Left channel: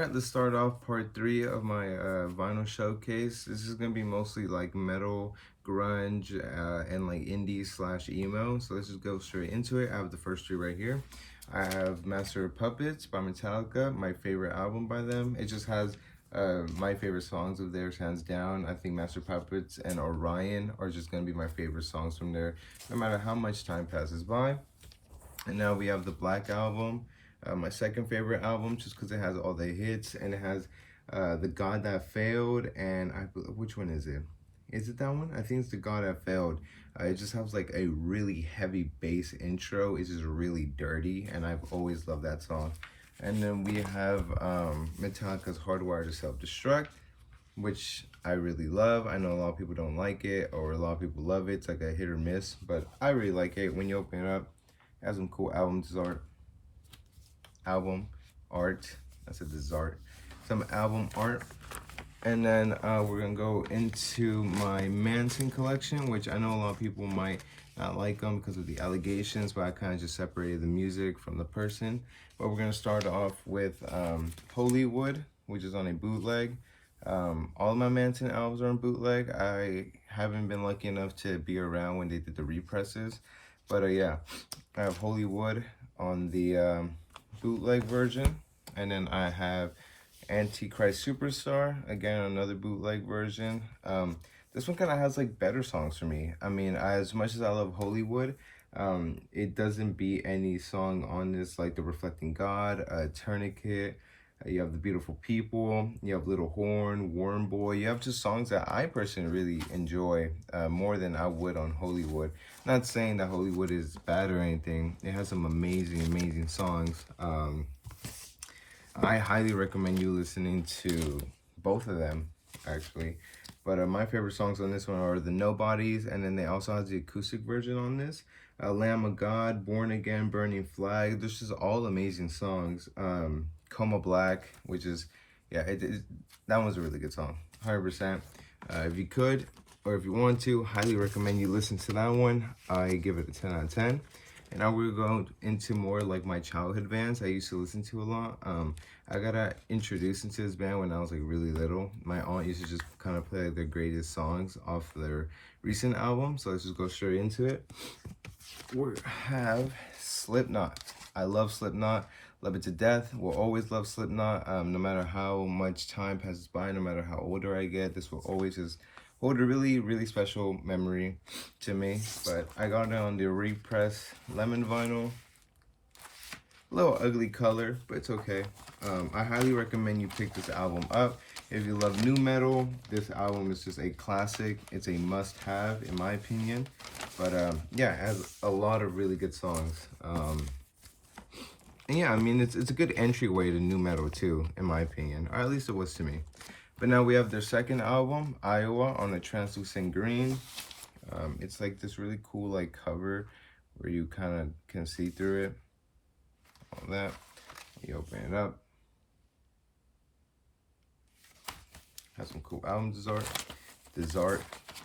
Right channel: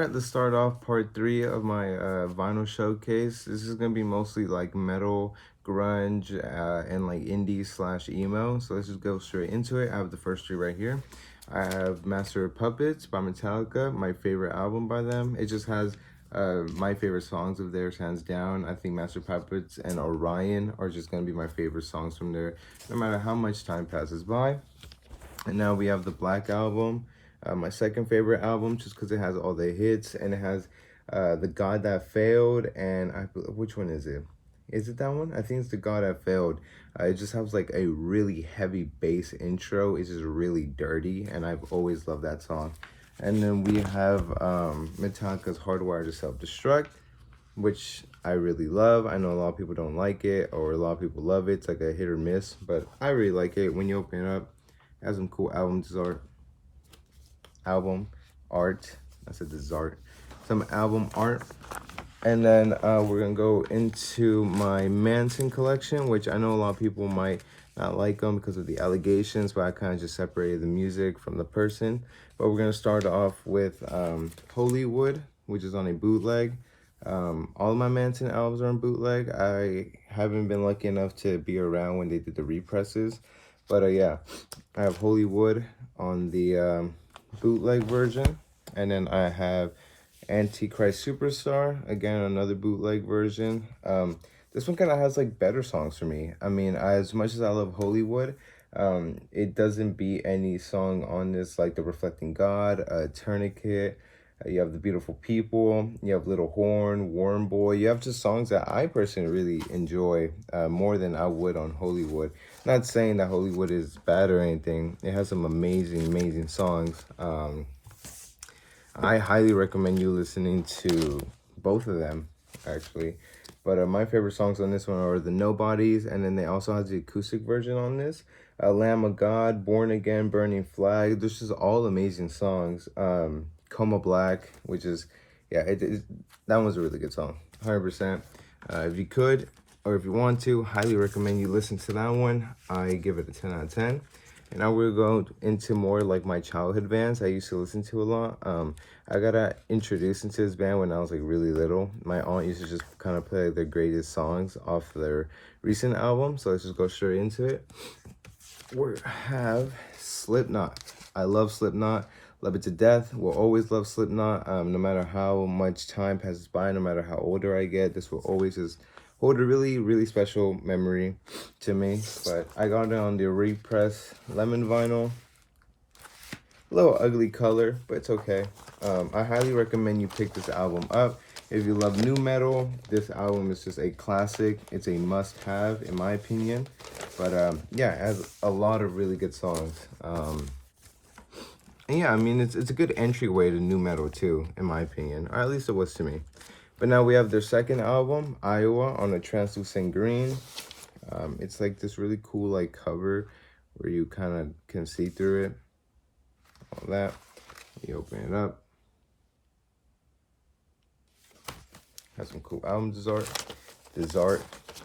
right, let's start off part three of my vinyl showcase. This is gonna be mostly like metal, grunge, and like indie slash emo. So let's just go straight into it. I have the first three right here. I have Master of Puppets by Metallica, my favorite album by them. It just has my favorite songs of theirs, hands down. I think Master of Puppets and Orion are just gonna be my favorite songs from there, no matter how much time passes by. And now we have the Black Album, my second favorite album, just because it has all the hits and it has the God That Failed. And which one is it? Is it that one? I think it's the God That Failed. It just has like a really heavy bass intro. It's just really dirty, and I've always loved that song. And then we have Metallica's Hardwired to Self-Destruct, which I really love. I know a lot of people don't like it, or a lot of people love it. It's like a hit or miss, but I really like it. When you open it up, it has some cool album art. I said dessert. Some album art. And then we're gonna go into my Manson collection, which I know a lot of people might not like them because of the allegations, but I kind of just separated the music from the person. But we're gonna start off with Hollywood, which is on a bootleg. All of my Manson albums are on bootleg. I haven't been lucky enough to be around when they did the represses, but yeah, I have Hollywood on the bootleg version, and then I have Antichrist Superstar, again another bootleg version. This one kind of has like better songs for me. I mean, as much as I love Hollywood, it doesn't beat any song on this, like the Reflecting God, Tourniquet. You have The Beautiful People, you have Little Horn, Warm Boy. You have just songs that I personally really enjoy more than I would on Hollywood. Not saying that Hollywood is bad or anything. It has some amazing, amazing songs. I highly recommend you listening to both of them, actually. But my favorite songs on this one are The Nobodies, and then they also have the acoustic version on this. Lamb of God, Born Again, Burning Flag. This is all amazing songs. Coma Black, which is, yeah, that one's a really good song, 100%. If you could, or if you want to, highly recommend you listen to that one. I give it a 10 out of 10. And now we're going into more like my childhood bands I used to listen to a lot. I got introduced into this band when I was like really little. My aunt used to just kind of play like, their greatest songs off their recent album. So let's just go straight into it. We have Slipknot. I love Slipknot. Love it to death. Will always love Slipknot. No matter how much time passes by, no matter how older I get, this will always just hold a really, really special memory to me. But I got it on the repress lemon vinyl. A little ugly color, but it's okay. I highly recommend you pick this album up. If you love new metal, this album is just a classic. It's a must-have, in my opinion. But yeah, it has a lot of really good songs. And yeah, I mean, it's a good entryway to new metal too, in my opinion. Or at least it was to me. But now we have their second album, Iowa, on a translucent green. It's like this really cool like cover where you kind of can see through it. All that. You open it up. Has some cool album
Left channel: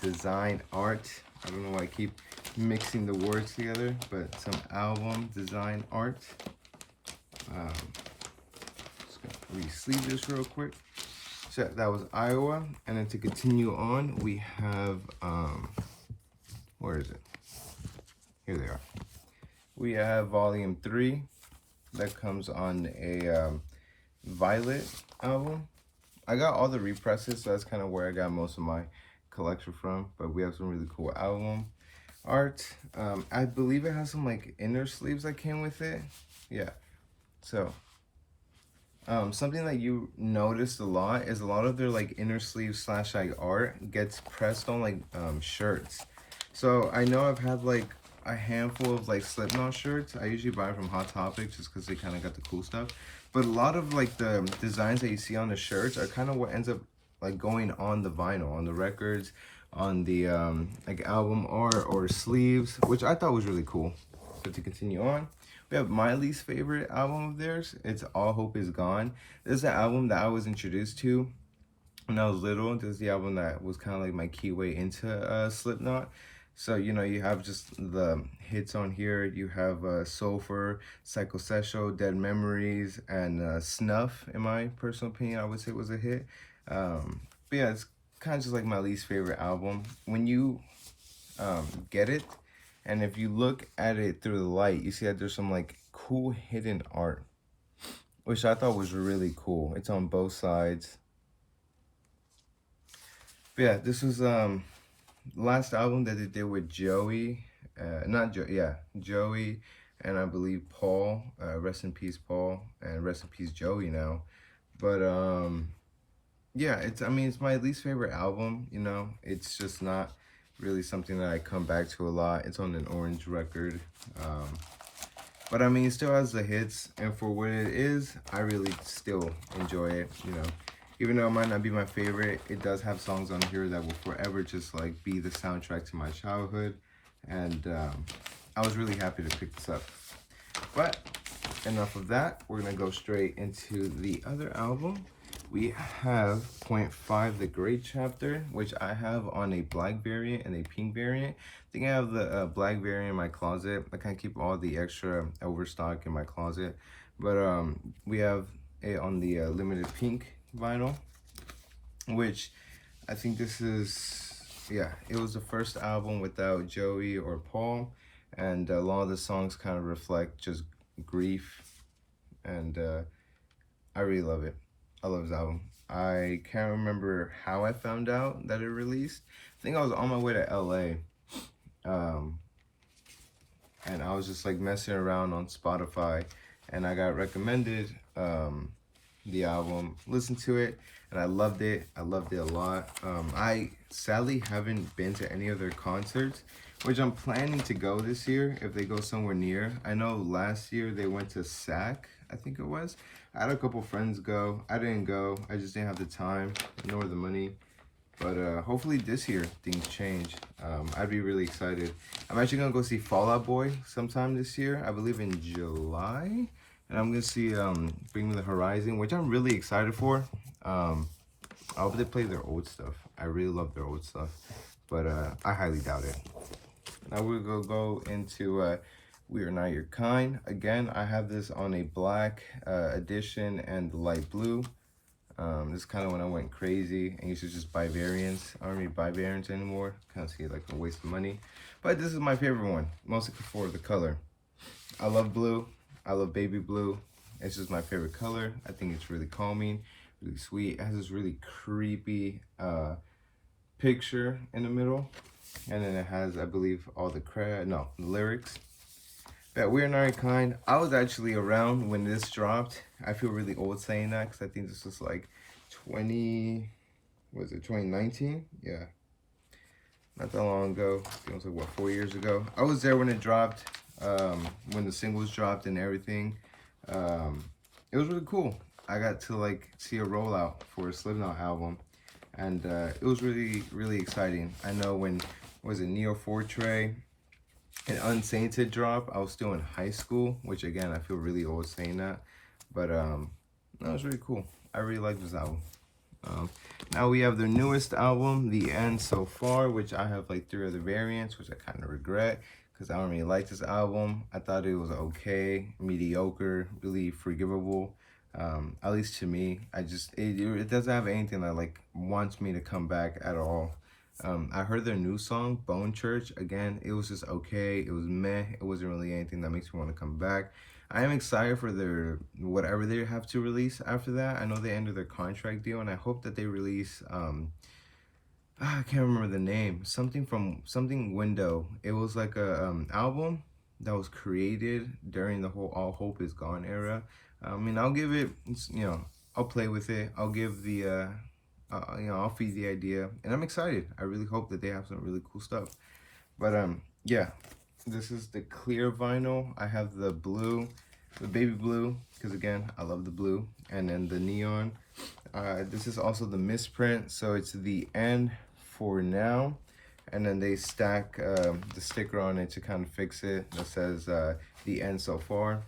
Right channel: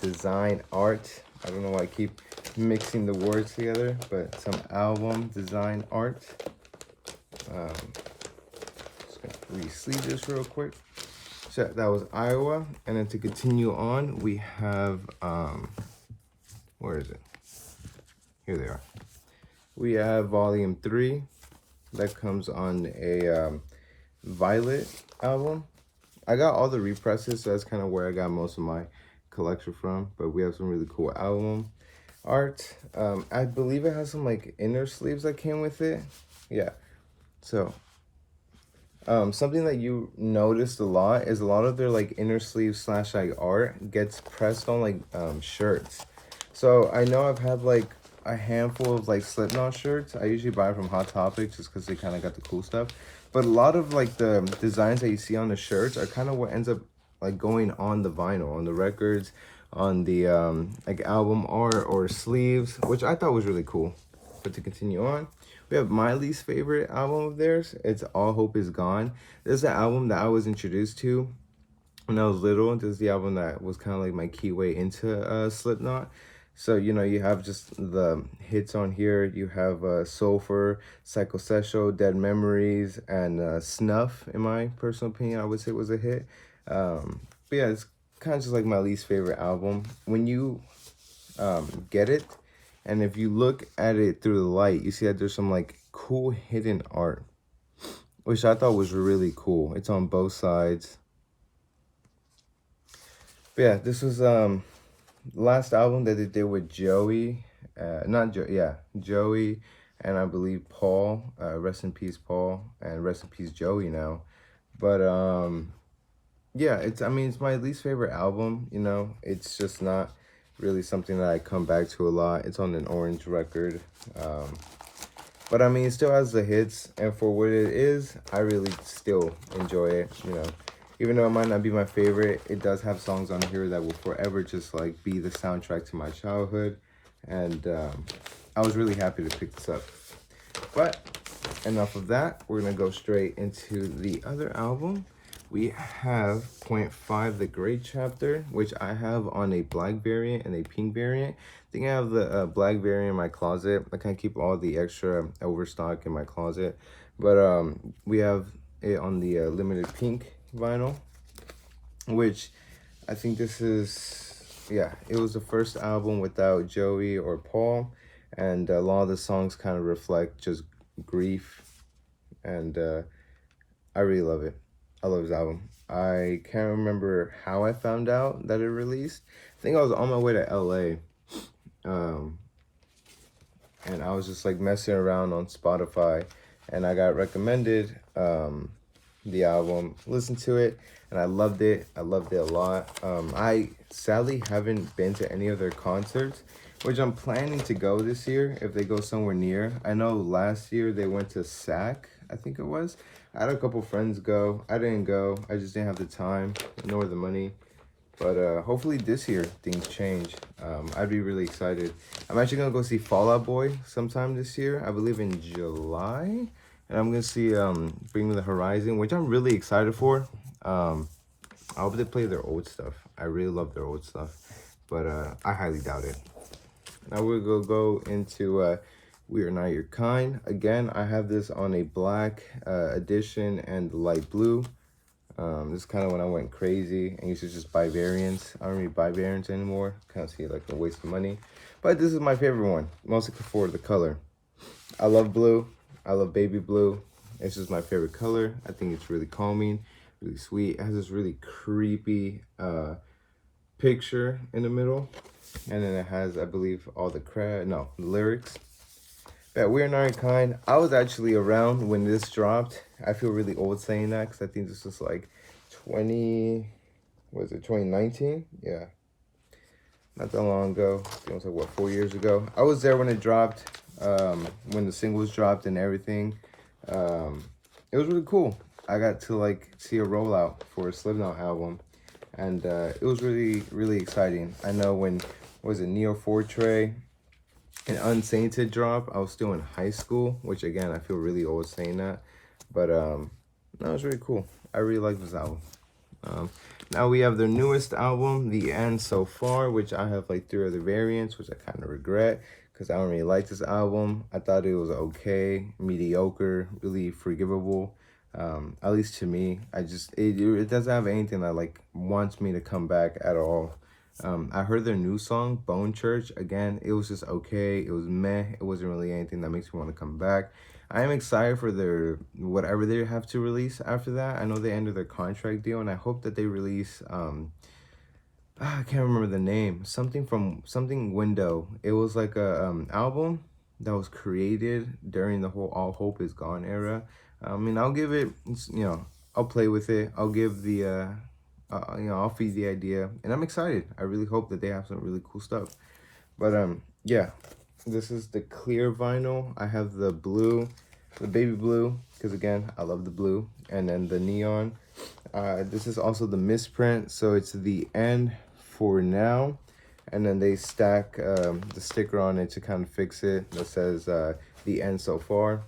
design art. I don't know why I keep mixing the words together, but some album design art. Just gonna re-sleeve this real quick. So that was Iowa, and then to continue on, we have where is it? Here they are. We have Volume 3 that comes on a Violet album. I got all the represses, so that's kind of where I got most of my collection from. But we have some really cool album art. I believe it has some like inner sleeves that came with it. Yeah. So something that you noticed a lot is a lot of their like inner sleeve slash like art gets pressed on like shirts. So I know I've had like a handful of like Slipknot shirts. I usually buy from Hot Topic just because they kind of got the cool stuff. But a lot of like the designs that you see on the shirts are kind of what ends up like going on the vinyl, on the records, on the like album art or sleeves, which I thought was really cool. But to continue on, we have my least favorite album of theirs. It's All Hope Is Gone. This is an album that I was introduced to when I was little. This is the album that was kind of like my key way into Slipknot. So, you know, you have just the hits on here. You have Sulfur, Psychosexual, Dead Memories, and Snuff, in my personal opinion, I would say was a hit. But yeah, it's kind of just like my least favorite album. When you get it, and if you look at it through the light, you see that there's some like cool hidden art, which I thought was really cool. It's on both sides. But yeah, this was last album that they did with Joey, not Joe, yeah, Joey, and I believe Paul. Rest in peace, Paul, and rest in peace, Joey. Now, but yeah, I mean, it's my least favorite album. You know, it's just not really something that I come back to a lot. It's on an orange record, but I mean, it still has the hits, and for what it is, I really still enjoy it. You know, even though it might not be my favorite, it does have songs on here that will forever just like be the soundtrack to my childhood, and I was really happy to pick this up. But enough of that. We're gonna go straight into the other album. We have Point Five, The Great Chapter, which I have on a black variant and a pink variant. I think I have the black variant in my closet. I kind of keep all the extra overstock in my closet. But we have it on the limited pink vinyl, which I think this is, yeah, it was the first album without Joey or Paul. And a lot of the songs kind of reflect just grief. And I really love it. I love his album. I can't remember how I found out that it released. I think I was on my way to LA. And I was just like messing around on Spotify, and I got recommended the album, listened to it, and I loved it. I loved it a lot. I sadly haven't been to any of their concerts, which I'm planning to go this year if they go somewhere near. I know last year they went to SAC, I think it was. I had a couple friends go. I didn't go. I just didn't have the time nor the money. But hopefully this year things change. I'd be really excited. I'm actually going to go see Fall Out Boy sometime this year. I believe in July. And I'm going to see Bring Me the Horizon, which I'm really excited for. I hope they play their old stuff. I really love their old stuff. But I highly doubt it. Now we're going to go into We Are Not Your Kind. Again, I have this on a black edition and light blue. This is kind of when I went crazy and used to just buy variants. I don't really buy variants anymore. Kind of see it like a waste of money. But this is my favorite one, mostly for the color. I love blue. I love baby blue. It's just my favorite color. I think it's really calming, really sweet. It has this really creepy picture in the middle. And then it has, I believe, all the lyrics. Yeah, We're Not Your Kind. I was actually around when this dropped. I feel really old saying that because I think this was like 2019? Yeah, not that long ago. I think it was like, what, 4 years ago? I was there when it dropped, when the singles dropped and everything. It was really cool. I got to like see a rollout for a Slipknot album, and it was really, really exciting. I know when, was it Neo Fortre and Unsainted drop, I was still in high school, which again, I feel really old saying that. But that was really cool. I really like this album. Now we have their newest album, The End So Far, which I have like 3 other variants, which I kind of regret because I don't really like this album. I thought it was okay, mediocre, really forgivable. At least to me, it doesn't have anything that like wants me to come back at all. I heard their new song, Bone Church. Again, it was just okay. It was meh. It wasn't really anything that makes me want to come back. I am excited for their whatever they have to release after that. I know they ended their contract deal, and I hope that they release I can't remember the name. Something Window. It was like a album that was created during the whole All Hope Is Gone era. I mean, I'll give it, I'll play with it. I'll give the I'll feed the idea, and I'm excited. I really hope that they have some really cool stuff. But yeah, this is the clear vinyl. I have the blue, the baby blue, because again, I love the blue, and then the neon. This is also the misprint, so it's The End For Now, and then they stack the sticker on it to kind of fix it that says The End So Far.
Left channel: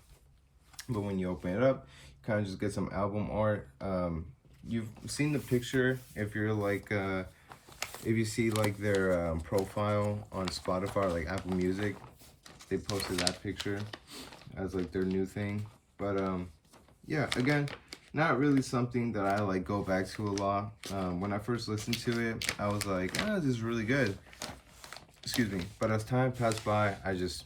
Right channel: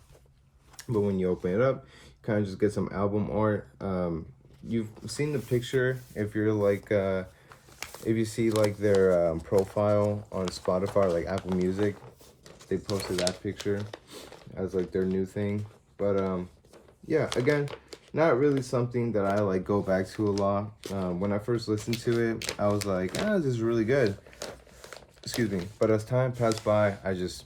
But when you open it up, you kind of just get some album art. You've seen the picture if you're like If you see like their profile on Spotify or like Apple Music, they posted that picture as like their new thing. But yeah, again, not really something that I like go back to a lot. When I first listened to it, I was like, this is really good. Excuse me. But as time passed by, it just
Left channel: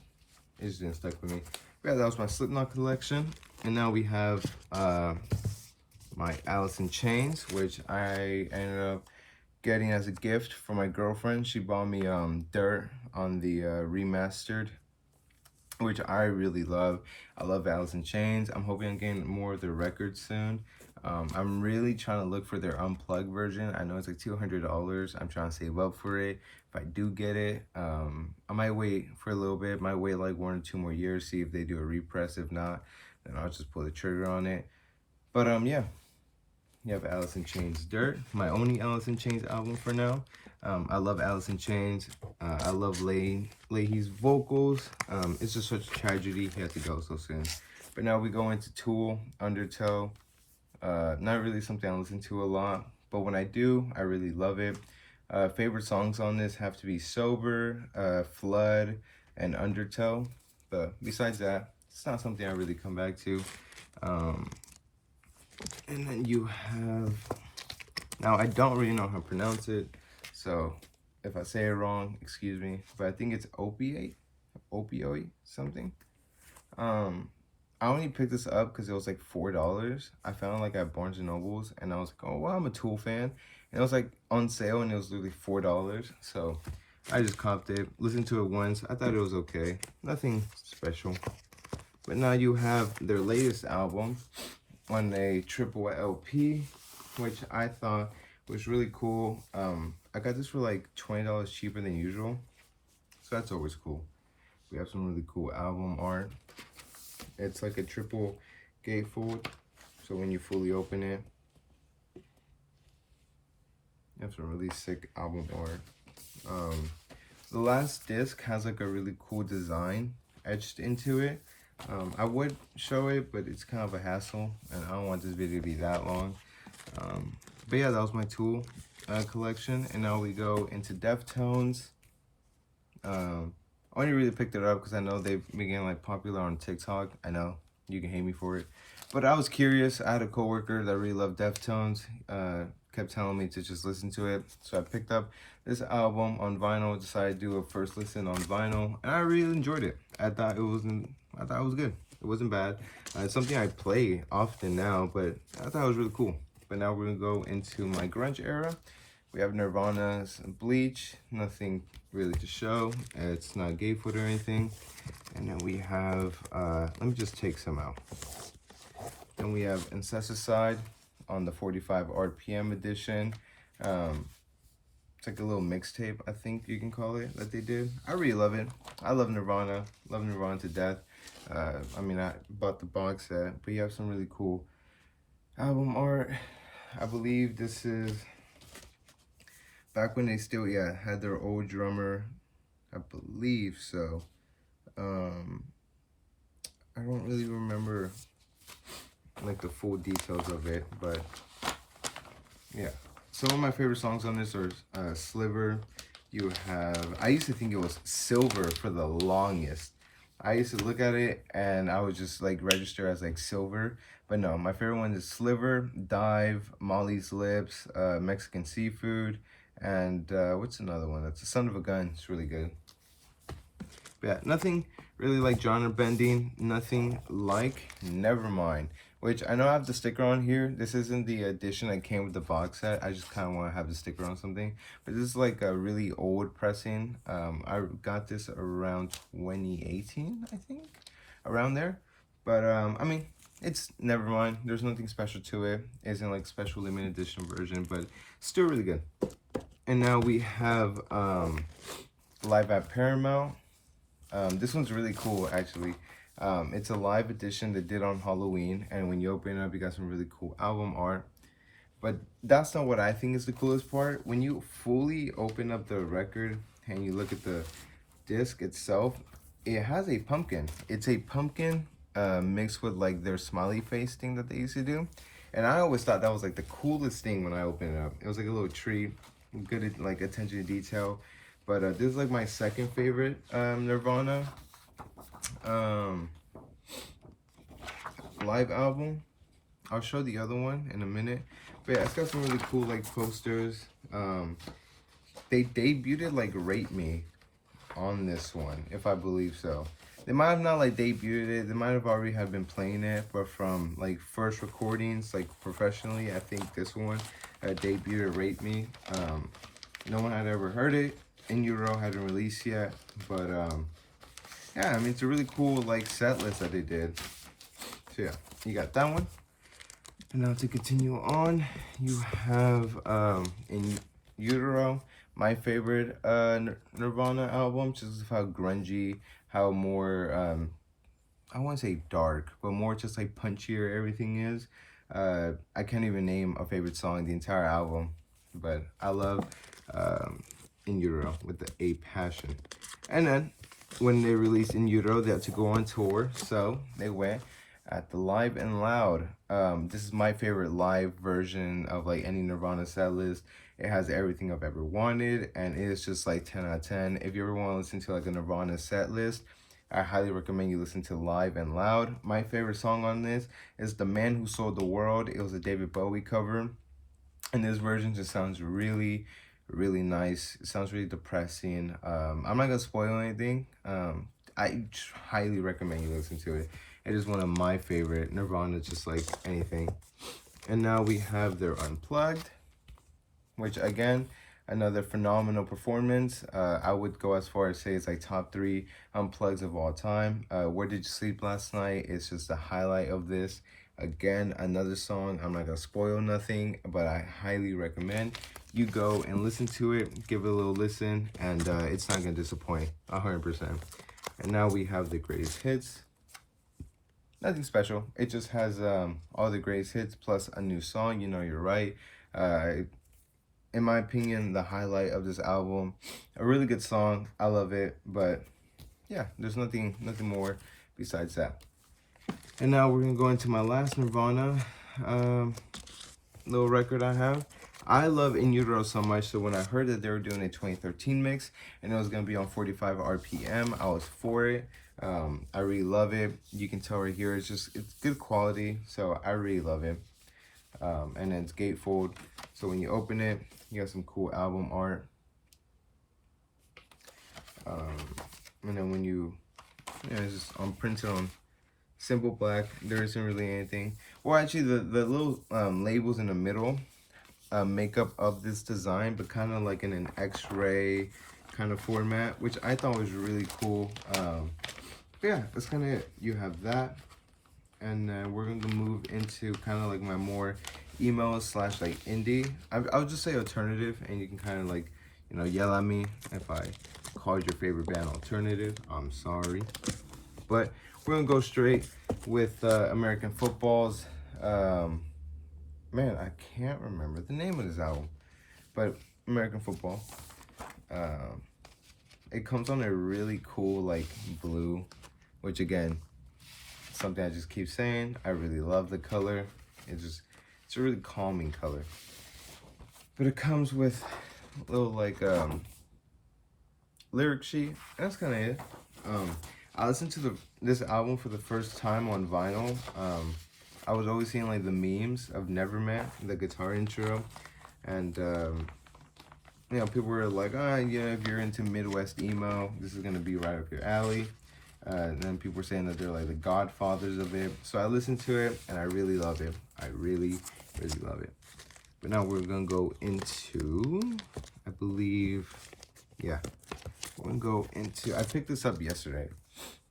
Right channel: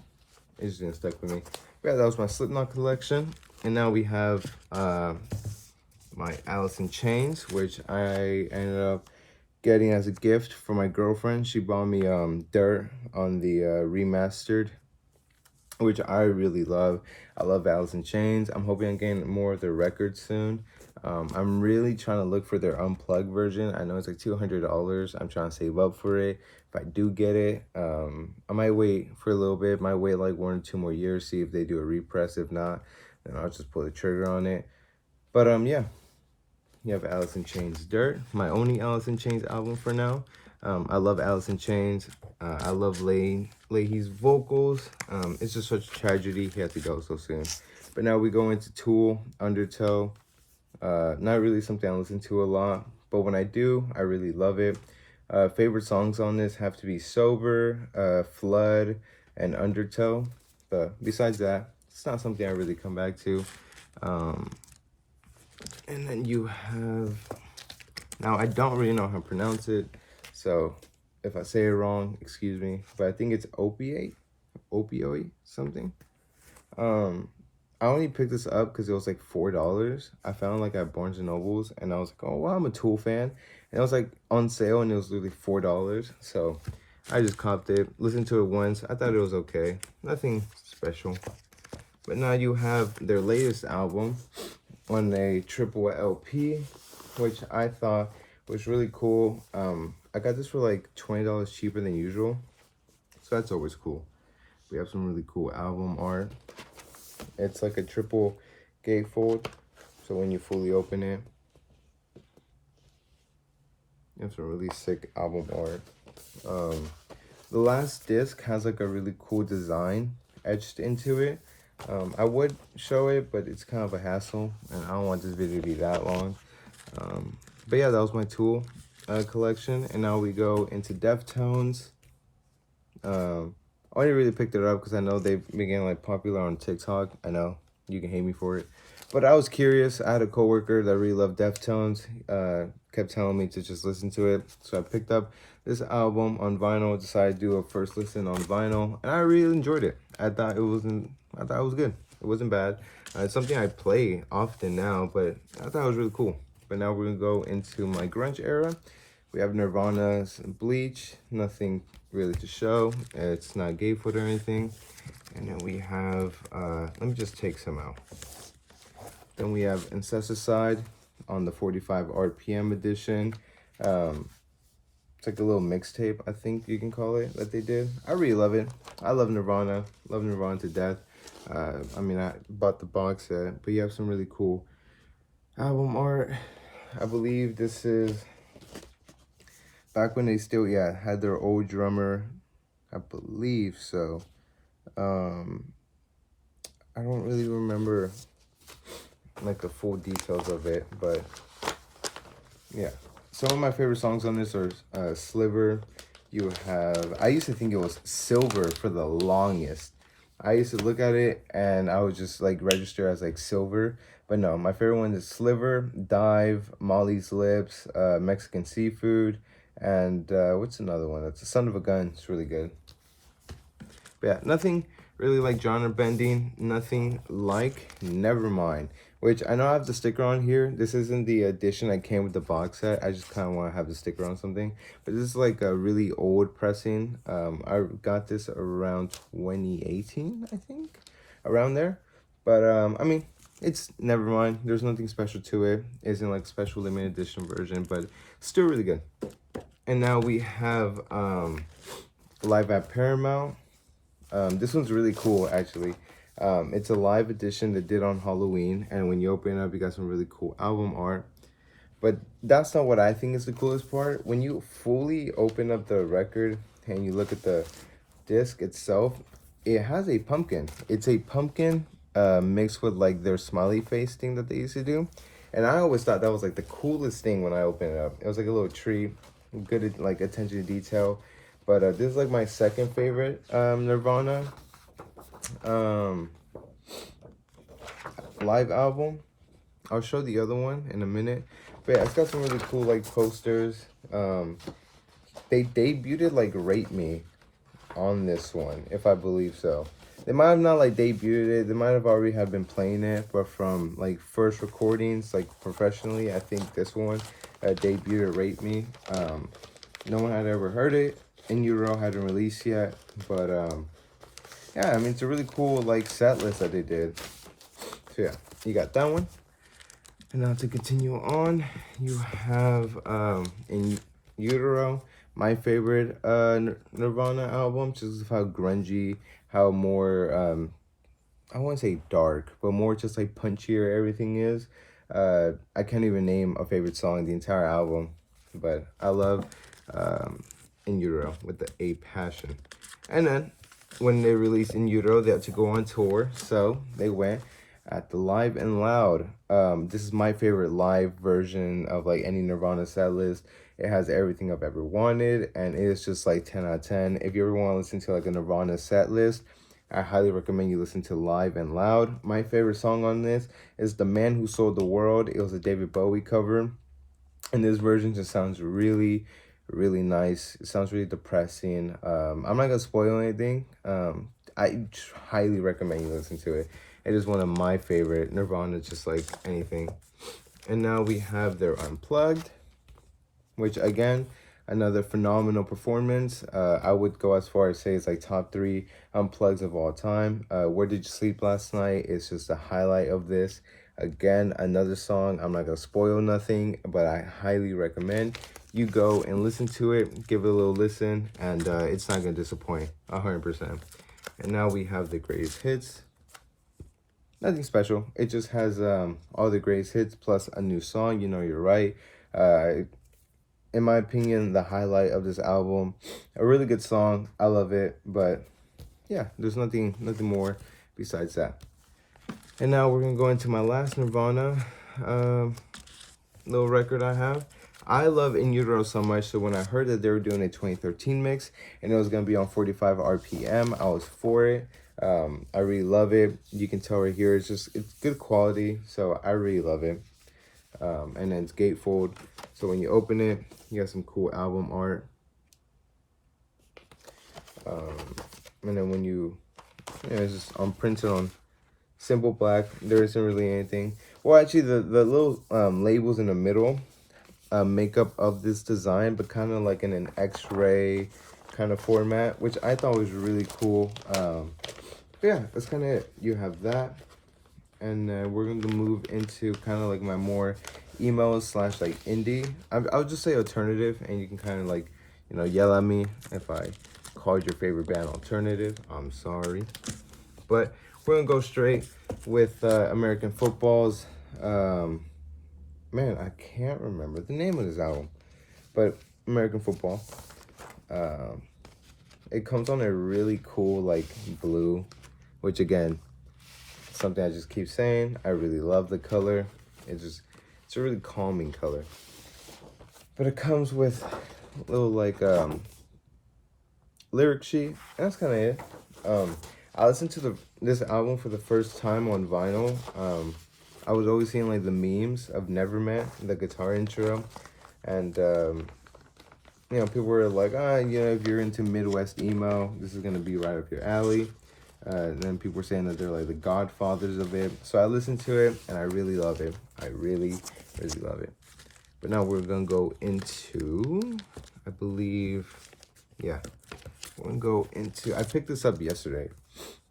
didn't stick with me. But yeah, that was my Slipknot collection. And now we have my Alice in Chains, which I ended up getting as a gift for my girlfriend. She bought me Dirt on the remastered, which I really love. I love Alice in Chains. I'm hoping I get more of their records soon. I'm really trying to look for their unplugged version. I know it's like $200. I'm trying to save up for it. If I do get it, I might wait for a little bit. Might wait like 1 or 2 more years, see if they do a repress. If not, then I'll just pull the trigger on it. But yeah, you have Alice in Chains Dirt, my only Alice in Chains album for now. I love Alice in Chains. I love Leahy's vocals. It's just such a tragedy he had to go so soon. But now we go into Tool, Undertow. Not really something I listen to a lot, but when I do, I really love it. Favorite songs on this have to be Sober, Flood, and Undertow. But besides that, it's not something I really come back to. And then you have, now I don't really know how to pronounce it, so if I say it wrong, excuse me, but I think it's opioid something. I only picked this up because it was like $4. I found it like at Barnes and Nobles, and I was like, oh wow, I'm a Tool fan, and it was like on sale, and it was literally $4. So I just copped it, listened to it once. I thought it was okay, nothing special. But now you have their latest album on a triple LP, which I thought was really cool. I got this for like $20 cheaper than usual, so that's always cool. We have some really cool album art. It's like a triple gatefold, so when you fully open it, you have some really sick album art. The last disc has like a really cool design etched into it. I would show it, but it's kind of a hassle, and I don't want this video to be that long. But yeah, that was my Tool collection, and now we go into Deftones. I only really picked it up because I know they began like popular on TikTok. I know you can hate me for it, but I was curious. I had a coworker that really loved Deftones. Kept telling me to just listen to it, so I picked up this album on vinyl. Decided to do a first listen on vinyl, and I really enjoyed it. I thought it was good. It wasn't bad. It's something I play often now, but I thought it was really cool. But now we're gonna go into my grunge era. We have Nirvana's Bleach, nothing really to show. It's not gatefold or anything. And then we have, let me just take some out. Then we have Incesticide on the 45 RPM edition. It's like a little mixtape, I think you can call it, that they did. I really love it. I love Nirvana to death. I mean, I bought the box set, but you have some really cool album art. I believe this is back when they still, had their old drummer. I believe so. I don't really remember like the full details of it, but yeah. Some of my favorite songs on this are Sliver. You have, I used to think it was Silver for the longest. I used to look at it and I would just like register as like Silver. But no, my favorite one is Sliver, Dive, Molly's Lips, Mexican Seafood, and what's another one? That's a Son of a Gun. It's really good. But yeah, nothing really like genre bending. Nothing like Nevermind, which I know I have the sticker on here. This isn't the edition that came with the box set. I just kind of want to have the sticker on something. But this is like a really old pressing. I got this around 2018, I think, around there. But I mean, it's Nevermind. There's nothing special to it. It isn't like special limited edition version, but still really good. And now we have Live at Paramount. This one's really cool, actually. It's a live edition they did on Halloween, and when you open it up, you got some really cool album art. But that's not what I think is the coolest part. When you fully open up the record and you look at the disc itself, it has a pumpkin. It's a pumpkin mixed with like their smiley face thing that they used to do. And I always thought that was like the coolest thing when I opened it up. It was like a little tree. good like attention to detail. But this is like my second favorite Nirvana um, live album. I'll show the other one in a minute. But yeah, it's got some really cool like posters. They debuted like Rate Me on this one, if I believe so. They might have not like debuted it. They might have already had been playing it, but from like first recordings, like professionally, I think this one debuted Rate Me. No one had ever heard it. In Utero hadn't released yet, but yeah, I mean it's a really cool like set list that they did. So yeah, you got that one. And now to continue on, you have in Utero, my favorite Nirvana album, just how grungy, how more I won't say dark, but more just like punchier everything is. I can't even name a favorite song in the entire album, but I love In Utero with the A Passion. And then when they released In Utero, they had to go on tour, so they went at the Live and Loud. This is my favorite live version of like any Nirvana set list. It has everything I've ever wanted, and it's just like 10 out of 10. If you ever want to listen to like a Nirvana set list, I highly recommend you listen to Live and Loud. My favorite song on this is The Man Who Sold the World. It was a David Bowie cover, and this version just sounds really, really nice. It sounds really depressing. I'm not gonna spoil anything. I highly recommend you listen to it. It is one of my favorite Nirvana, just like anything. And now we have their Unplugged, which again, another phenomenal performance. I would go as far as say it's like top 3 Unplugs of all time. Where Did You Sleep Last Night? It's just a highlight of this. Again, another song. I'm not gonna spoil nothing, but I highly recommend you go and listen to it, give it a little listen, and it's not gonna disappoint 100%. And now we have the greatest hits. Nothing special. It just has all the greatest hits plus a new song. You Know You're Right. In my opinion, the highlight of this album. A really good song. I love it, but yeah, there's nothing more besides that. And now we're gonna go into my last Nirvana little record I have. I love In Utero so much, so when I heard that they were doing a 2013 mix and it was gonna be on 45 RPM, I was for it. I really love it. You can tell right here, it's good quality, so I really love it. And then it's gatefold, so when you open it, you got some cool album art. And then when it's just printed on simple black. There isn't really anything. Well, actually, the little labels in the middle make up of this design, but kind of like in an X-ray kind of format, which I thought was really cool. Yeah, that's kind of it. You have that, and then we're gonna move into kind of like my more emo slash like indie. I'll just say alternative, and you can kind of like yell at me if I called your favorite band alternative. I'm sorry, but we're gonna go straight with American Football's. Man, I can't remember the name of this album, but American Football. It comes on a really cool like blue, which again, something I just keep saying. I really love the color. It's a really calming color. But it comes with a little like lyric sheet. And that's kind of it. I listened to this album for the first time on vinyl. I was always seeing like the memes of Nevermind, the guitar intro, and people were like, if you're into Midwest emo, this is gonna be right up your alley. And then people were saying that they're like the godfathers of it. So I listened to it and I really love it. I really, really love it. But now we're gonna go into, I believe, yeah, we're gonna go into, I picked this up yesterday.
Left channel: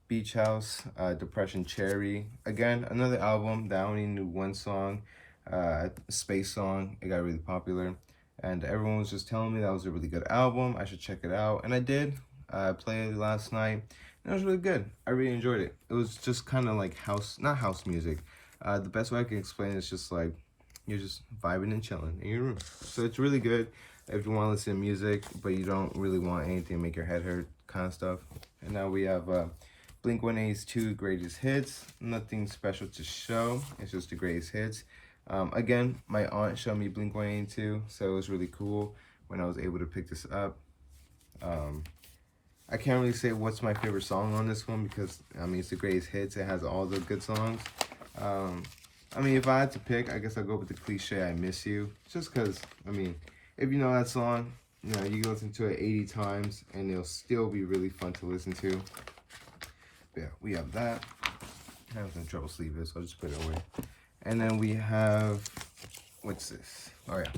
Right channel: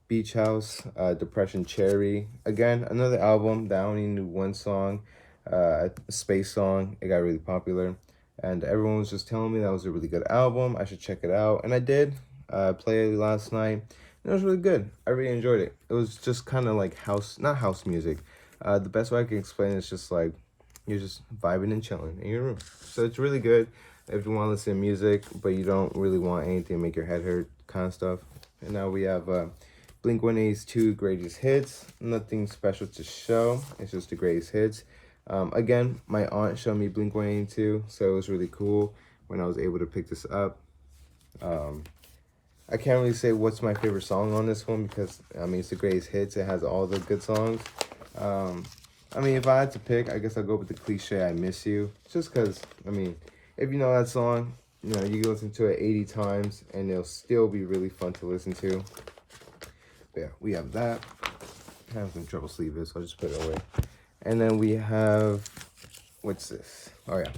Beach House, Depression Cherry. Again, another album that I only knew one song, a space song. It got really popular. And everyone was just telling me that was a really good album. I should check it out. And I did. I played it last night. And it was really good. I really enjoyed it. It was just kind of like not house music. The best way I can explain it is just like, you're just vibing and chilling in your room. So it's really good if you want to listen to music, but you don't really want anything to make your head hurt kind of stuff. And now we have Blink-182 Greatest Hits. Nothing special to show. It's just the greatest hits. Again, my aunt showed me Blink-182, so it was really cool. when I was able to pick this up. I can't really say what's my favorite song on this one because, I mean, it's the greatest hits. It has all the good songs. I mean, if I had to pick, I guess I'll go with the cliche, I Miss You. Just because, I mean, if you know that song, you know, you can listen to it 80 times and it'll still be really fun to listen to. But yeah, we have that. I have some trouble sleeving, so I'll just put it away. And then we have, what's this? Oh yeah,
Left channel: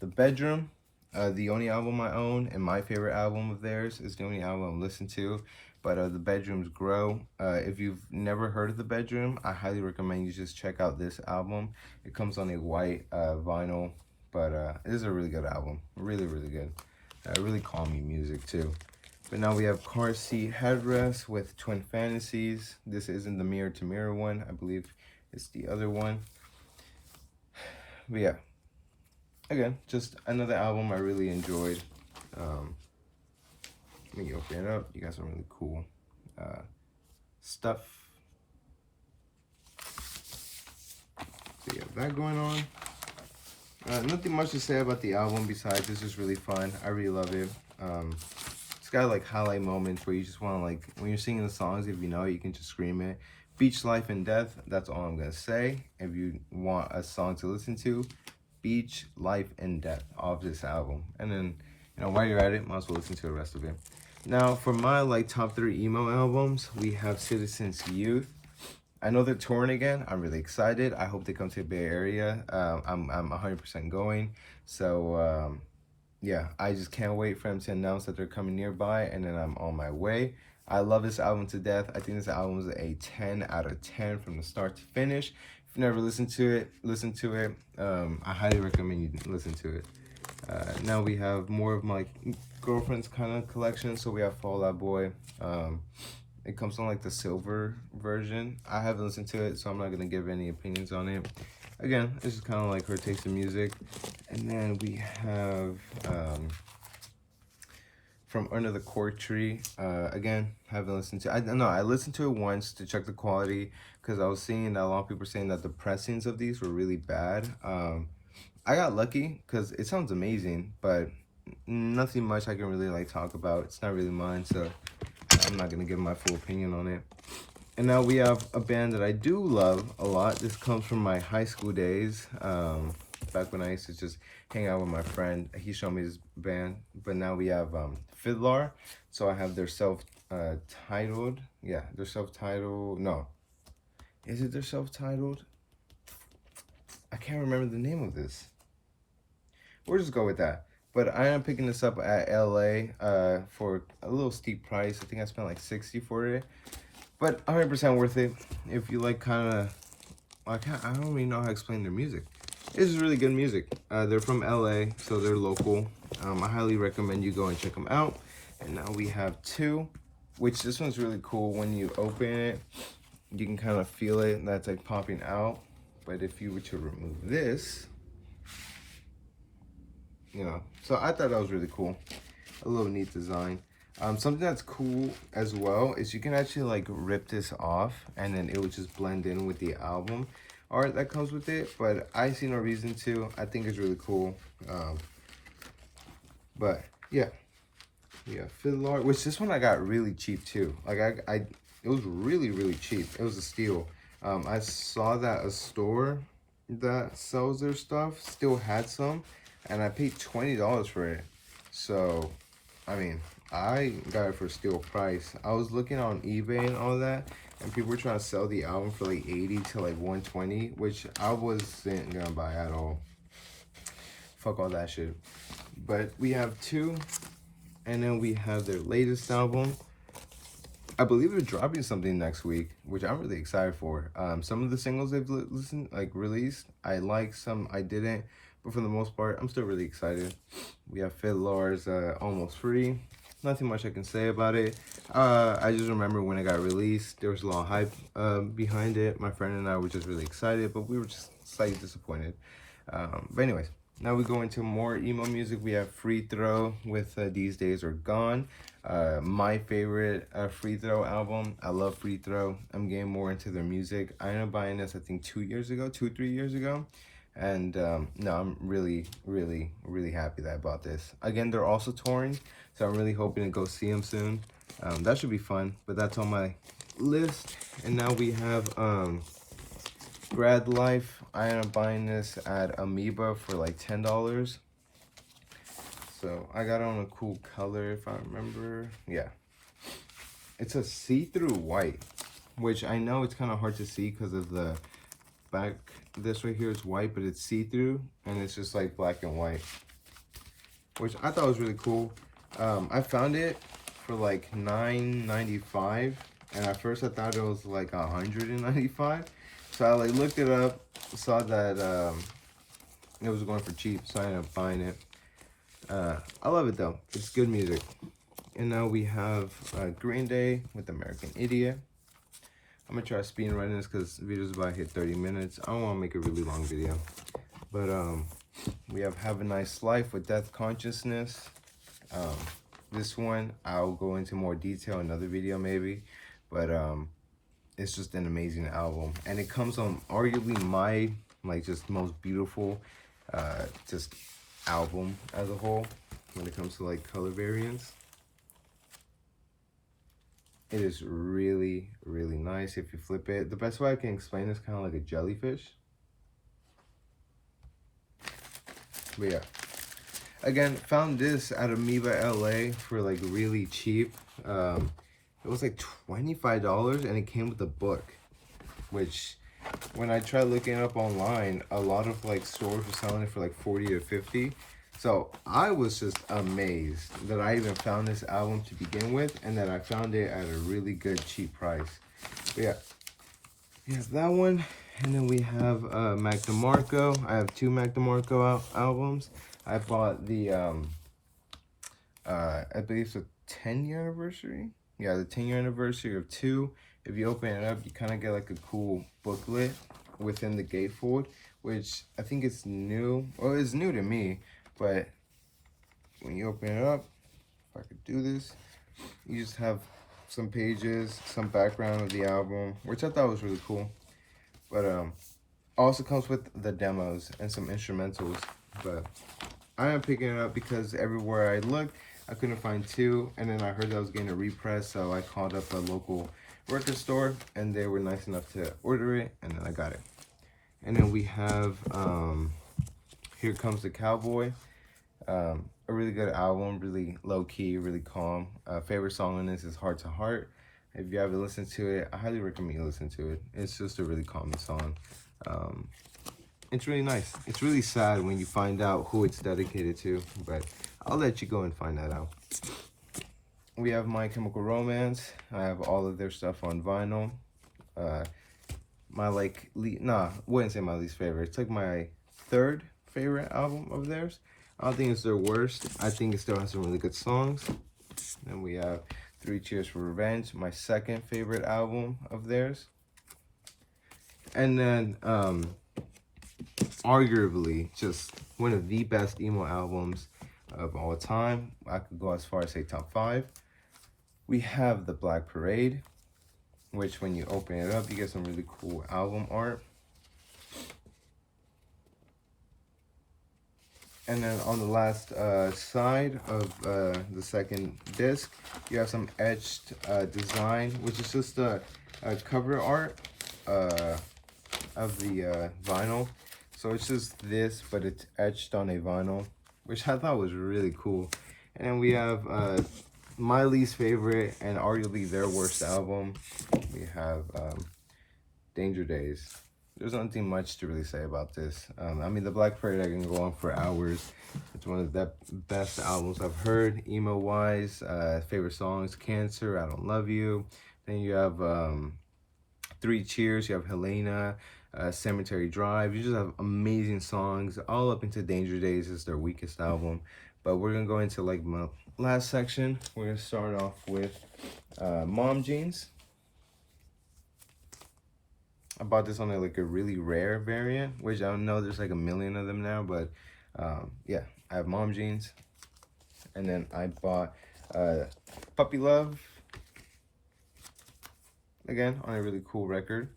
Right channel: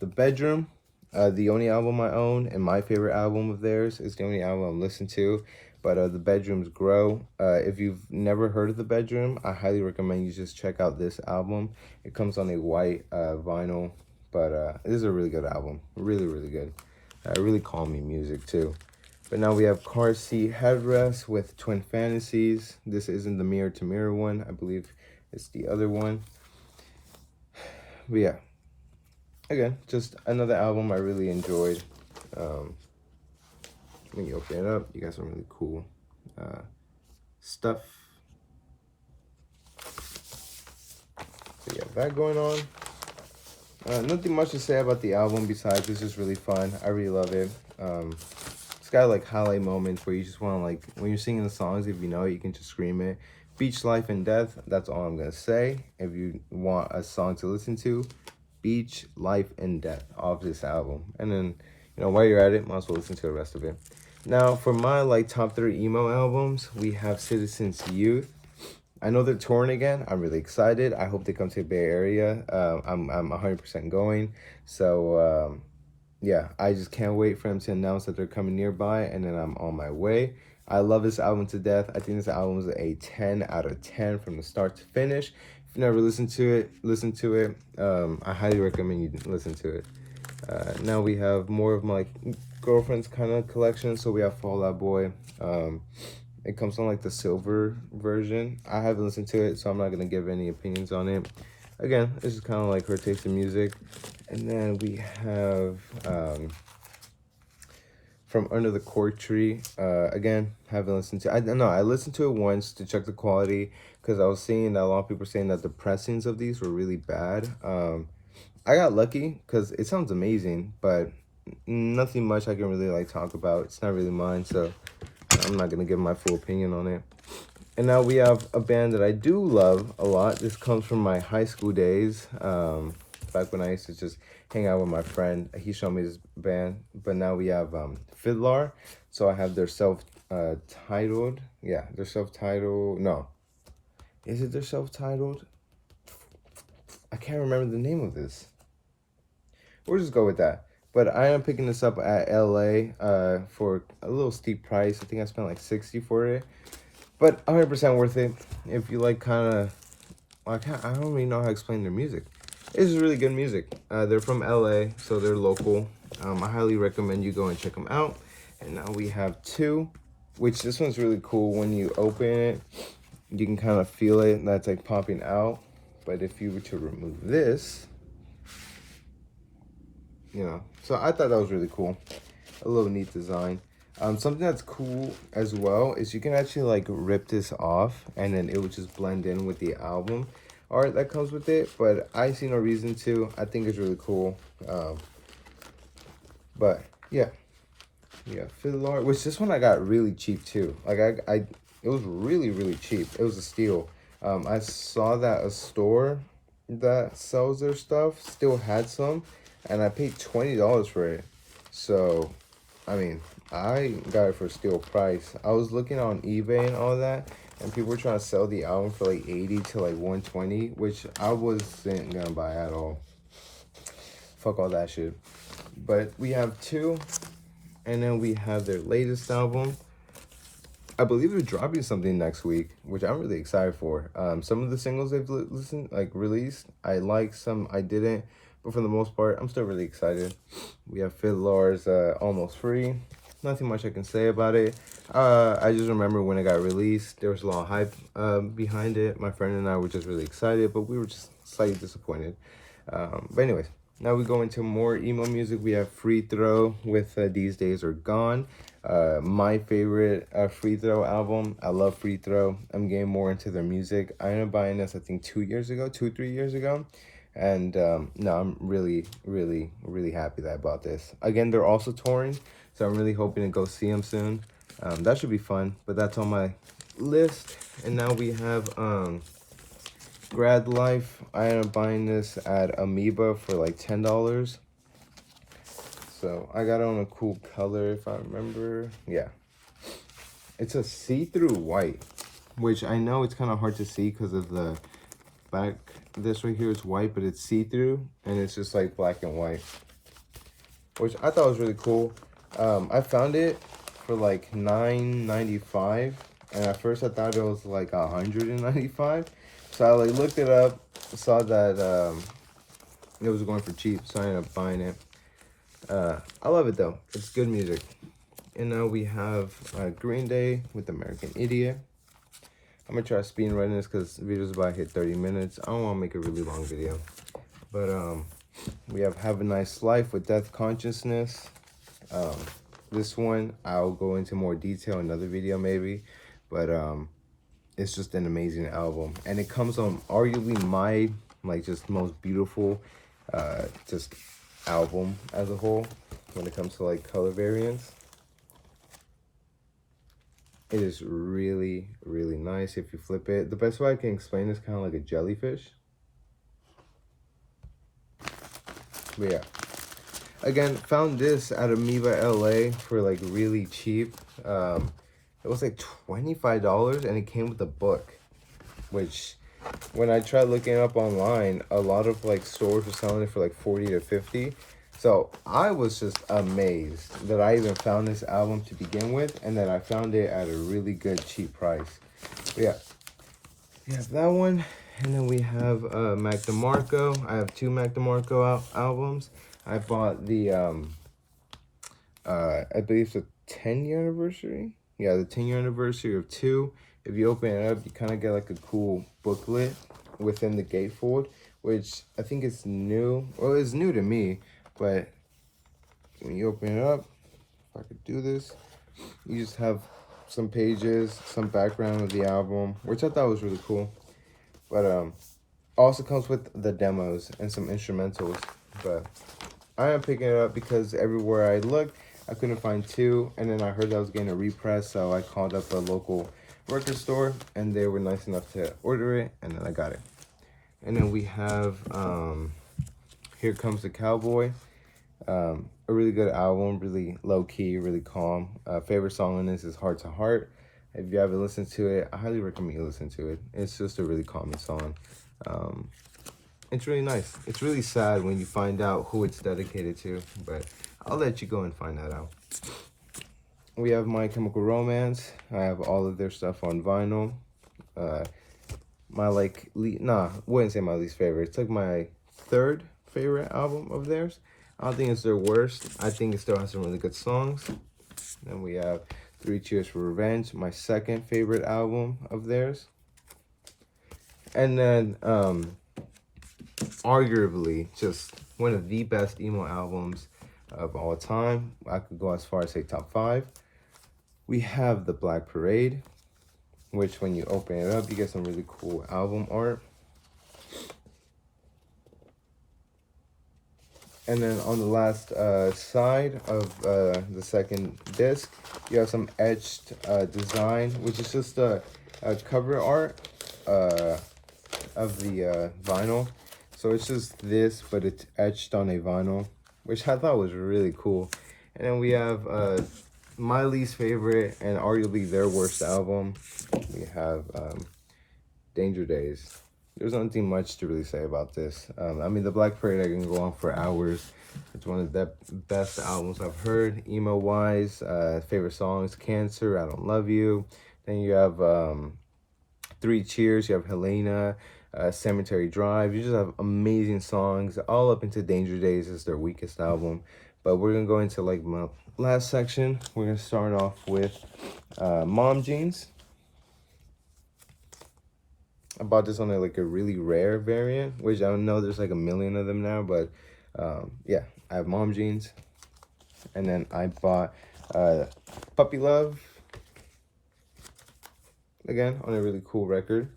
The Bedroom. The only album I own and my favorite album of theirs. Is the only album I'm listening to. But The Bedroom's Grow. If you've never heard of The Bedroom, I highly recommend you just check out this album. It comes on a white vinyl, but it is a really good album. Really, really good. Really calming music too. But now we have Car Seat Headrest with Twin Fantasies. This isn't the Mirror to Mirror one. I believe it's the other one. But yeah. Again, just another album I really enjoyed. Let me open it up. You got some really cool stuff. So yeah, that going on. Nothing much to say about the album besides it's just really fun. I really love it. It's got like highlight moments where you just want to, like, when you're singing the songs, if you know it, you can just scream it. Beach, Life, and Death. That's all I'm gonna say. If you want a song to listen to, Beach, Life, and Death off this album. And then, you know, while you're at it, might as well listen to the rest of it. Now, for my, like, top 3 emo albums, we have Citizens Youth. I know they're touring again. I'm really excited. I hope they come to the Bay Area. I'm 100% going. So, yeah, I just can't wait for them to announce that they're coming nearby, and then I'm on my way. I love this album to death. I think this album is a 10 out of 10 from the start to finish. If you've never listened to it, listen to it. I highly recommend you listen to it. Now we have more of my girlfriend's kind of collection. So we have Fall Out Boy. It comes on like the silver version. I haven't listened to it, so I'm not going to give any opinions on it. Again, this is kind of like her taste in music. And then we have From Under the Cork Tree. Again, haven't listened to it. I listened to it once to check the quality because I was seeing that a lot of people were saying that the pressings of these were really bad. I got lucky because it sounds amazing, but nothing much I can really like talk about. It's not really mine, so I'm not going to give my full opinion on it. And now we have a band that I do love a lot. This comes from my high school days. Back when I used to just hang out with my friend. He showed me this band. But now we have Fiddler. So I have their self-titled. Yeah, their self-titled. No. Is it their self-titled? I can't remember the name of this. We'll just go with that. But I am picking this up at LA for a little steep price. I think I spent like $60 for it. But 100% worth it. If you like kind of, I don't really know how to explain their music. It's really good music. They're from LA, so they're local. I highly recommend you go and check them out. And now we have 2, which this one's really cool. When you open it, you can kind of feel it. That's like popping out. But if you were to remove this, you know, so I thought that was really cool. A little neat design. Something that's cool as well is you can actually like rip this off and then it would just blend in with the album art that comes with it. But I see no reason to. I think it's really cool. But yeah, fiddle art. Which this one I got really cheap too. Like it was really, really cheap. It was a steal. I saw that a store that sells their stuff still had some, and I paid $20 for it. So, I mean, I got it for a steal price. I was looking on eBay and all that, and people were trying to sell the album for like 80 to like 120, which I wasn't gonna buy at all. Fuck all that shit. But we have 2, and then we have their latest album. I believe they're dropping something next week, which I'm really excited for. Some of the singles they've released, I like, some I didn't, but for the most part, I'm still really excited. We have Fiddler's Almost Free. Nothing much I can say about it. I just remember when it got released, there was a lot of hype behind it. My friend and I were just really excited, but we were just slightly disappointed. But anyways, now we go into more emo music. We have Free Throw with These Days Are Gone. My favorite Free Throw album. I love Free Throw. I'm getting more into their music. I ended up buying this, I think, 3 years ago. And no, I'm really happy that I bought this. Again, they're also touring, so I'm really hoping to go see them soon. That should be fun, but that's on my list. And now we have Grad Life. I am buying this at Amoeba for like $10. So I got it on a cool color, if I remember. Yeah, it's a see-through white, which I know it's kind of hard to see because of the back. This right here is white, but it's see-through, and it's just like black and white, which I thought was really cool. I found it for like $9.95, and at first I thought it was like $195. So I like looked it up, saw that it was going for cheap, so I ended up buying it. I love it though. It's good music. And now we have Green Day with American Idiot. I'm gonna try speed running this because the video's about to hit 30 minutes. I don't want to make a really long video. But we have Have a Nice Life with Death Consciousness. This one I'll go into more detail in another video maybe. But it's just an amazing album. And it comes on arguably my just most beautiful just album as a whole when it comes to like color variants. It is really nice if you flip it. The best way I can explain this, kind of like a jellyfish. But yeah. Again, found this at Amoeba LA for like really cheap. It was like $25 and it came with a book. Which, when I tried looking it up online, a lot of like stores were selling it for like 40 to 50. So I was just amazed that I even found this album to begin with, and that I found it at a really good cheap price. But yeah, we have that one, and then we have Mac DeMarco. I have two Mac DeMarco albums. I bought the I believe it's the 10-year anniversary. Yeah, the 10-year anniversary of 2. If you open it up, you kind of get like a cool booklet within the gatefold, which I think is new. Well, it's new to me. But when you open it up, if I could do this, you just have some pages, some background of the album, which I thought was really cool. But also comes with the demos and some instrumentals. But I am picking it up because everywhere I looked, I couldn't find 2. And then I heard that I was getting a repress, so I called up a local record store, and they were nice enough to order it, and then I got it. And then we have Here Comes the Cowboy. A really good album, really low-key, really calm. Favorite song on this is Heart to Heart. If you haven't listened to it, I highly recommend you listen to it. It's just a really calming song. It's really nice. It's really sad when you find out who it's dedicated to, but I'll let you go and find that out. We have My Chemical Romance. I have all of their stuff on vinyl. My wouldn't say my least favorite. It's like my 3rd favorite album of theirs. I don't think it's their worst. I think it still has some really good songs. Then we have 3 Cheers for Revenge, my 2nd favorite album of theirs. And then arguably just one of the best emo albums of all time. I could go as far as say top 5. We have The Black Parade, which when you open it up, you get some really cool album art. And then on the last side of the 2nd disc, you have some etched design, which is just a cover art of the vinyl. So it's just this, but it's etched on a vinyl, which I thought was really cool. And then we have my least favorite and arguably their worst album. We have Danger Days. There's nothing much to really say about this. I mean, The Black Parade, I can go on for hours. It's one of the best albums I've heard, emo-wise. Favorite songs, Cancer, I Don't Love You. Then you have 3 Cheers, you have Helena, Cemetery Drive. You just have amazing songs. All up into Danger Days is their weakest album. But we're going to go into like my last section. We're going to start off with Mom Jeans. I bought this on like a really rare variant, which I don't know there's like a million of them now, but yeah, I have Mom Jeans. And then I bought Puppy Love, again on a really cool record.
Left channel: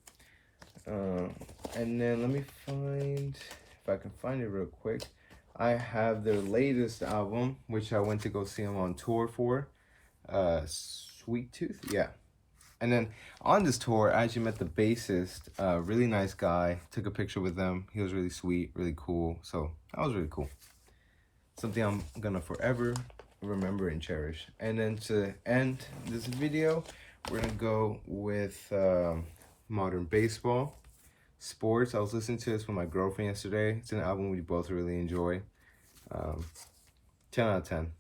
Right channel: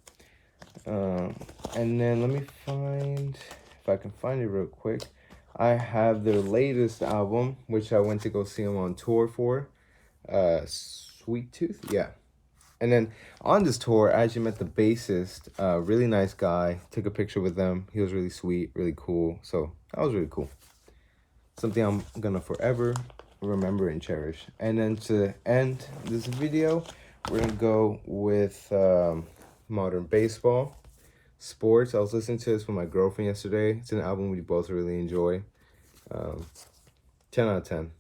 And then let me find, if I can find it real quick, I have their latest album, which I went to go see them on tour for. Sweet Tooth, yeah. And then on this tour, I actually met the bassist, really nice guy. Took a picture with them. He was really sweet, really cool. So that was really cool. Something I'm gonna forever remember and cherish. And then to end this video, we're gonna go with Modern Baseball. Sports. I was listening to this with my girlfriend yesterday. It's an album we both really enjoy. 10 out of 10.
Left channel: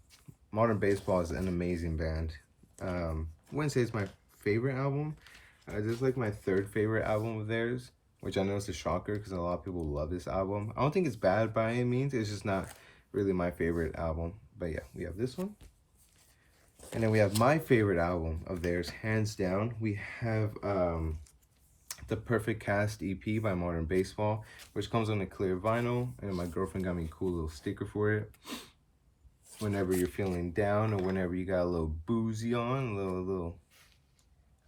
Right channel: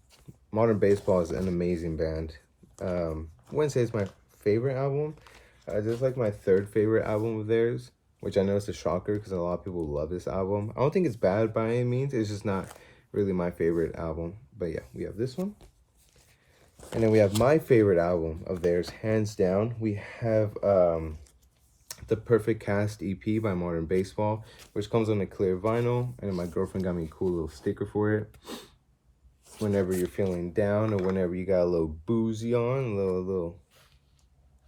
Modern Baseball is an amazing band. I wouldn't say it's my favorite album. It's like my third favorite album of theirs, which I know is a shocker because a lot of people love this album. I don't think it's bad by any means. It's just not really my favorite album. But yeah, we have this one. And then we have my favorite album of theirs, hands down. We have the Perfect Cast EP by Modern Baseball, which comes on a clear vinyl. And then my girlfriend got me a cool little sticker for it. Whenever you're feeling down or whenever you got a little boozy on,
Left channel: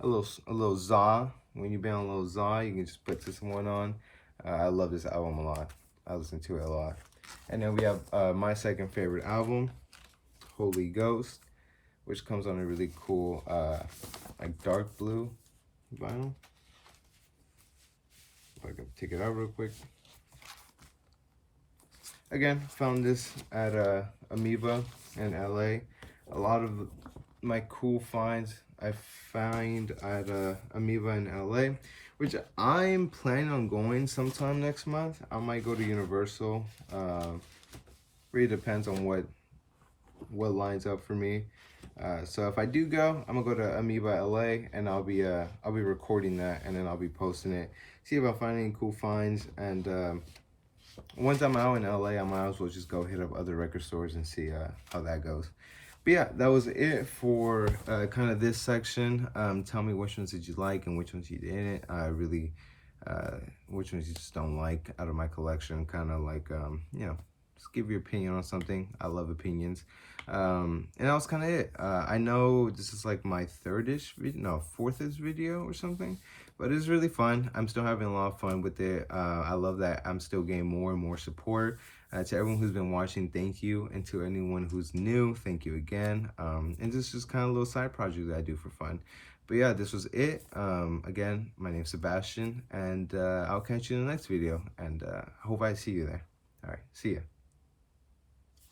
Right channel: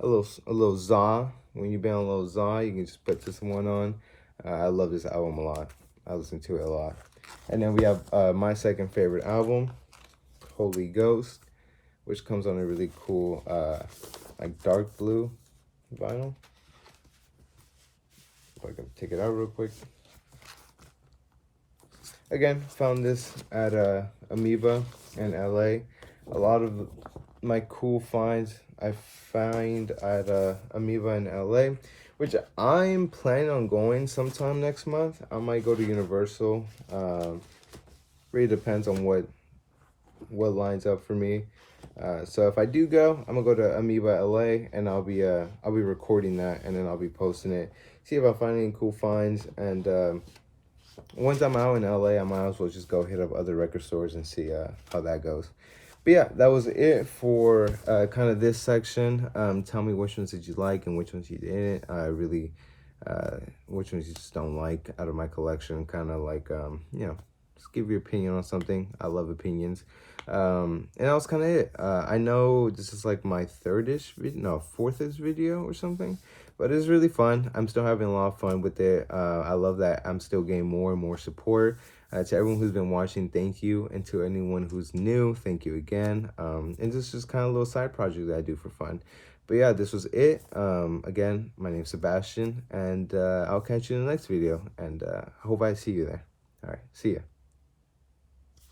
a little za. When you've been on a little za, you can just put this one on. I love this album a lot. I listen to it a lot. And then we have my second favorite album, Holy Ghost, which comes on a really cool, like dark blue vinyl. If I can take it out real quick. Again, found this at Amoeba in LA. A lot of my cool finds I find at Amoeba in LA, which I'm planning on going sometime next month. I might go to Universal. Really depends on what lines up for me. So if I do go, I'm gonna go to Amoeba LA, and I'll be recording that, and then I'll be posting it. See if I find any cool finds, and once I'm out in LA, I might as well just go hit up other record stores and see how that goes. But yeah, that was it for kind of this section. Tell me which ones did you like and which ones you didn't. Which ones you just don't like out of my collection. Kind of like, you know, just give your opinion on something. I love opinions. And that was kind of it. I know this is like my fourth-ish video or something. But it's really fun. I'm still having a lot of fun with it. I love that I'm still getting more and more support. To everyone who's been watching, thank you. And to anyone who's new, thank you again. And this is just kind of a little side project that I do for fun. But yeah, this was it. Again, my name's Sebastian. And I'll catch you in the next video. And I hope I see you there. All right, see ya.